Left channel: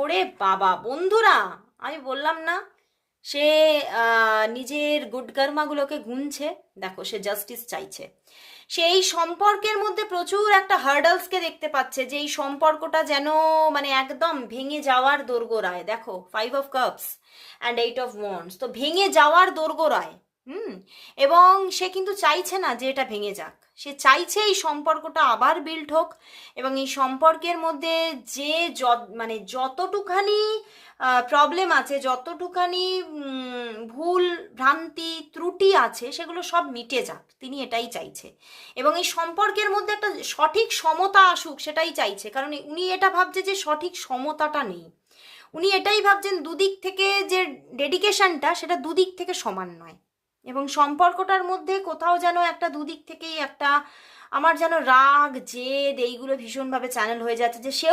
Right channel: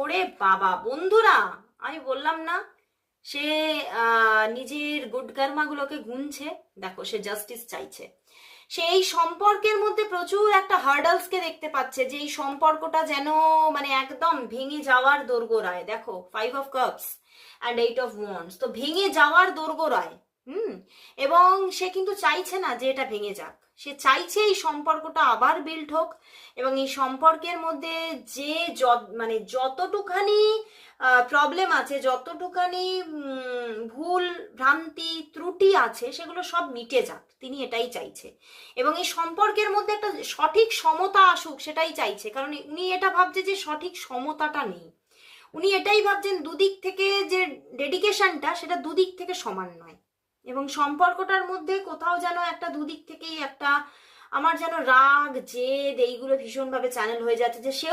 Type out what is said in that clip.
ওরে বাবা বন্ধুরা, আমি বললাম না, সে নিজের গুড কর্মাগুলোকে গুনছে। দেখো, সে জাস্টিস চাইছে। সে এই সম্পর্কের মধ্যে প্রচুর একটা হার্ডলসকে দেখতে পাচ্ছে, যে এই সম্পর্কটা যেন মানে একদম ভেঙে যাওয়ার দোরগোড়ায়। দেখো, 5 of Cups and 8 of Wands, তো ভেঙে যাওয়ার দোরগোড়ায়। হুম। এবং সে কিন্তু চাইছে না যে এটা ভেঙে যাক, সে চাইছে এই সম্পর্কটা আবার বিল্ড হোক। এবং এই সম্পর্কের মধ্যে যে মানে যতটুখানি প্রবলেম আছে, যতটুখানি ভুল ভ্রান্তি ত্রুটি আছে, সেগুলো সব মিটে যাক, তিনি এটাই চাইছে। এবং এই সম্পর্কের মধ্যে একটা সঠিক সমতা আসুক, সেটাই চাইছে। কারণ উনি এটা ভাবছে যে সঠিক সমতাটা নেই। উনি এটাই ভাবছেন দুদিক থেকে যে ডেডিকেশনটা, সেটা দুদিক থেকে সমান নয়। এবং সম্পর্কটার মধ্যে কোথাও যেন একটা দুদিক থেকেই একটা, আমার যেন রাগ জেদ এইগুলো ভীষণভাবে চ্যানেল হয়ে যাচ্ছে, যে সেও